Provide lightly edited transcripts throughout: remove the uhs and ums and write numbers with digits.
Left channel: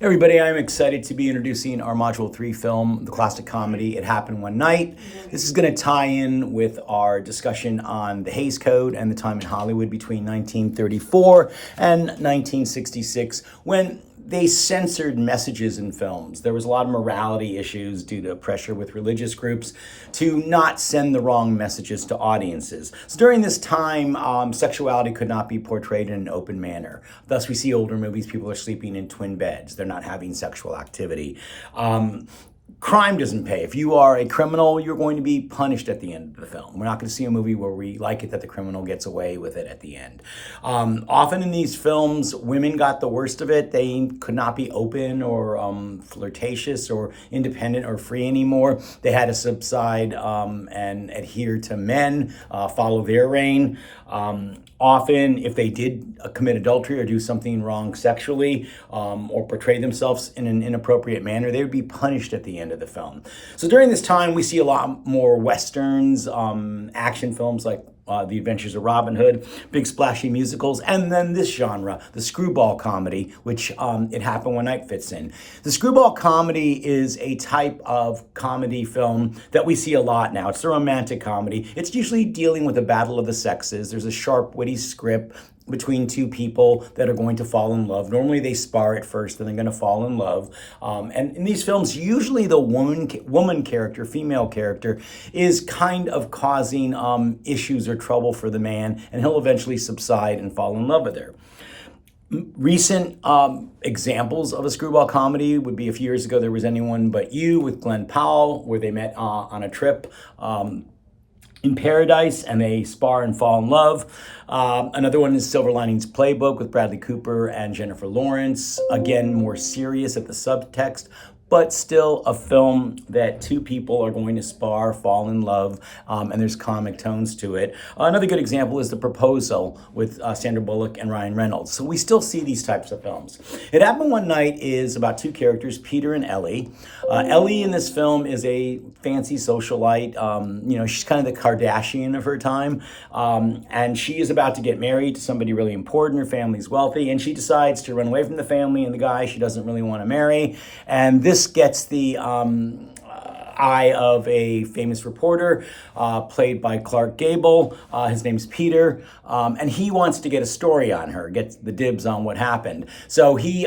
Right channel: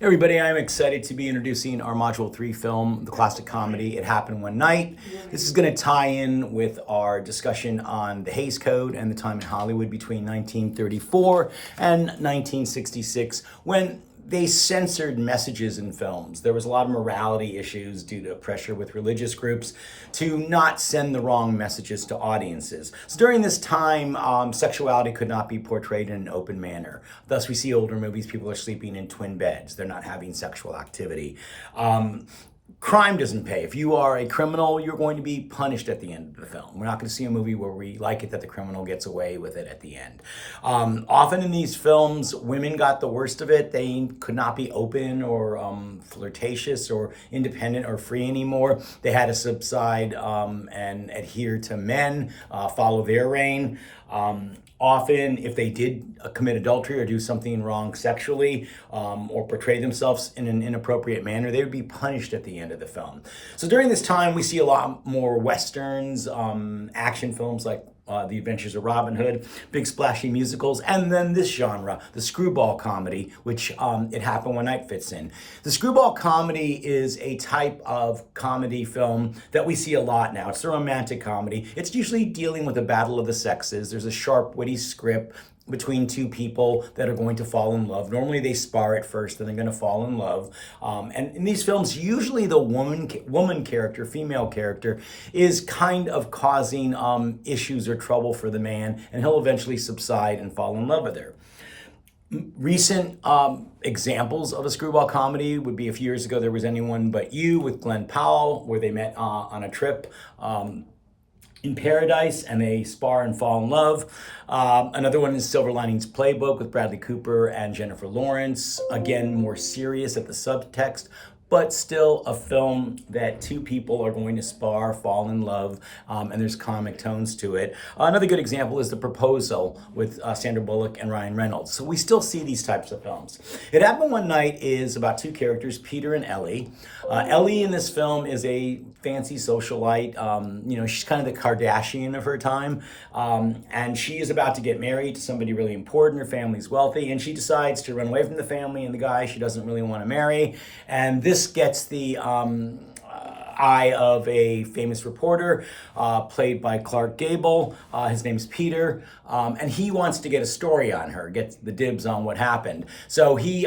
Hey everybody, I'm excited to be introducing our Module 3 film, the classic comedy It Happened One Night. This is going to tie in with our discussion on the Hays Code and the time in Hollywood between 1934 and 1966 when they censored messages in films. There was a lot of morality issues due to pressure with religious groups to not send the wrong messages to audiences. So during this time, sexuality could not be portrayed in an open manner. Thus, we see older movies, people are sleeping in twin beds. They're not having sexual activity. Crime doesn't pay. If you are a criminal, you're going to be punished at the end of the film. We're not going to see a movie where we like it that the criminal gets away with it at the end. Often in these films, women got the worst of it. They could not be open or flirtatious or independent or free anymore. They had to subside and adhere to men, follow their reign. Often, if they did commit adultery or do something wrong sexually or portray themselves in an inappropriate manner, they would be punished at the end of the film. So during this time, we see a lot more westerns, action films like The Adventures of Robin Hood, big splashy musicals, and then this genre, the screwball comedy, which It Happened One Night fits in. The screwball comedy is a type of comedy film that we see a lot now. It's the romantic comedy. It's usually dealing with the battle of the sexes. There's a sharp, witty script between two people that are going to fall in love. Normally they spar at first, then they're going to fall in love. And in these films, usually the woman character, female character, is kind of causing issues or trouble for the man, and he'll eventually subside and fall in love with her. Recent examples of a screwball comedy would be a few years ago, There Was Anyone But You with Glenn Powell, where they met on a trip in paradise and they spar and fall in love. Another one is Silver Linings Playbook with Bradley Cooper and Jennifer Lawrence. Again, more serious at the subtext, but still a film that two people are going to spar, fall in love, and there's comic tones to it. Another good example is The Proposal with Sandra Bullock and Ryan Reynolds. So we still see these types of films. It Happened One Night is about two characters, Peter and Ellie. Ellie in this film is a fancy socialite. She's kind of the Kardashian of her time, and she is about to get married to somebody really important. Her family's wealthy, and she decides to run away from the family and the guy she doesn't really want to marry. And this gets the eye of a famous reporter played by Clark Gable. His name's Peter, and he wants to get a story on her, gets the dibs on what happened. So he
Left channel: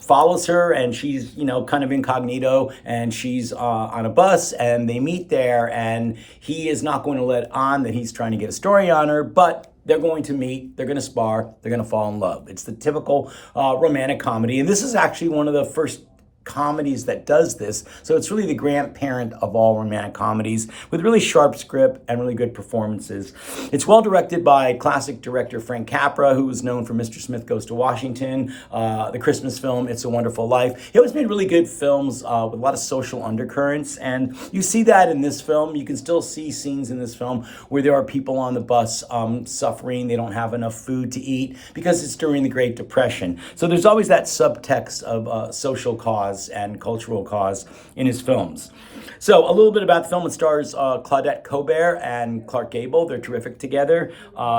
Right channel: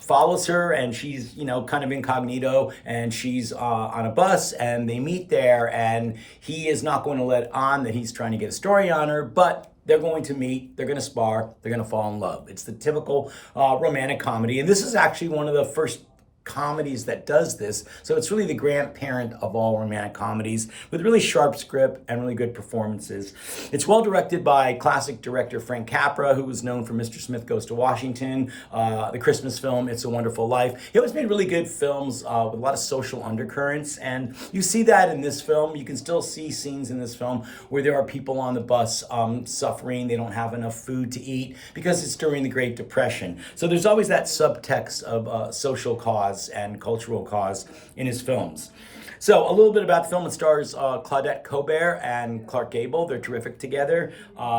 follows her, and she's kind of incognito, and she's on a bus, and they meet there, and he is not going to let on that he's trying to get a story on her, but they're going to meet, they're going to spar, they're going to fall in love. It's the typical romantic comedy, and this is actually one of the first comedies that does this. So it's really the grandparent of all romantic comedies with really sharp script and really good performances. It's well directed by classic director Frank Capra, who was known for Mr. Smith Goes to Washington, the Christmas film It's a Wonderful Life. He always made really good films with a lot of social undercurrents, and you see that in this film. You can still see scenes in this film where there are people on the bus suffering. They don't have enough food to eat because it's during the Great Depression. So there's always that subtext of social cause and cultural cause in his films. So a little bit about the film. It stars Claudette Colbert and Clark Gable. They're terrific together.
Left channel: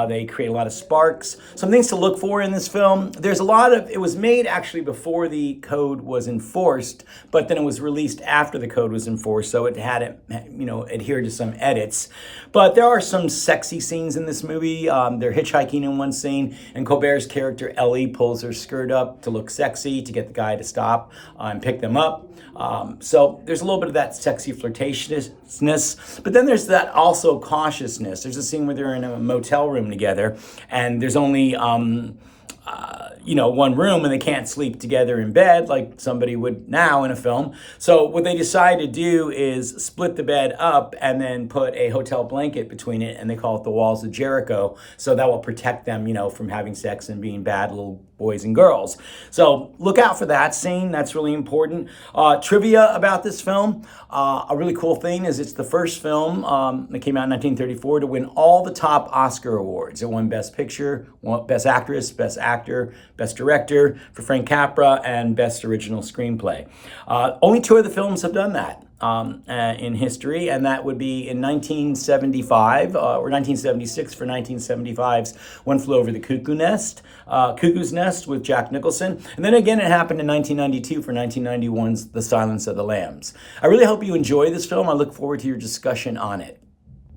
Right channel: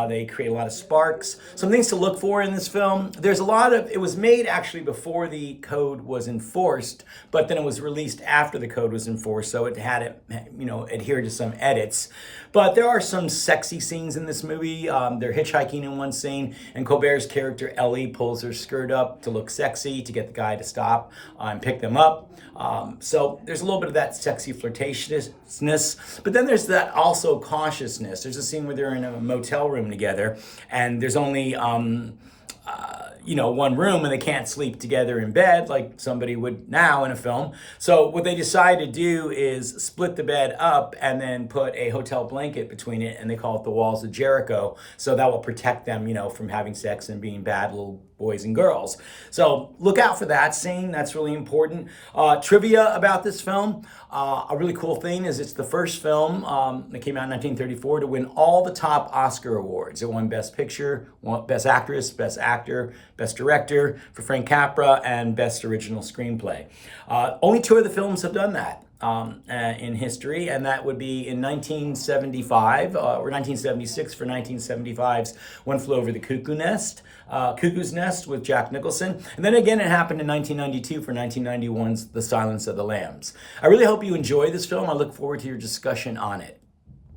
They create a lot of sparks. Some things to look for in this film. There's a lot of, it was made actually before the code was enforced, but then it was released after the code was enforced, so it had, adhered to some edits. But there are some sexy scenes in this movie. They're hitchhiking in one scene, and Colbert's character, Ellie, pulls her skirt up to look sexy to get the guy to stop and pick them up. So there's a little bit of that sexy flirtatiousness, but then there's that also cautiousness. There's a scene where they're in a motel room together, and there's only one room, and they can't sleep together in bed like somebody would now in a film. So what they decide to do is split the bed up and then put a hotel blanket between it, and they call it the Walls of Jericho. So that will protect them, from having sex and being bad little boys and girls. So look out for that scene. That's really important. Trivia about this film. A really cool thing is it's the first film that came out in 1934 to win all the top Oscar awards. It won Best Picture, Best Actress, Best Actor, Best Director for Frank Capra, and Best Original Screenplay. Only two of the films have done that. in history, and that would be in 1975 or 1976 for 1975's One Flew Over the Cuckoo's Nest with Jack Nicholson. And then again, it happened in 1992 for 1991's The Silence of the Lambs. I really hope you enjoy this film. I look forward to your discussion on it.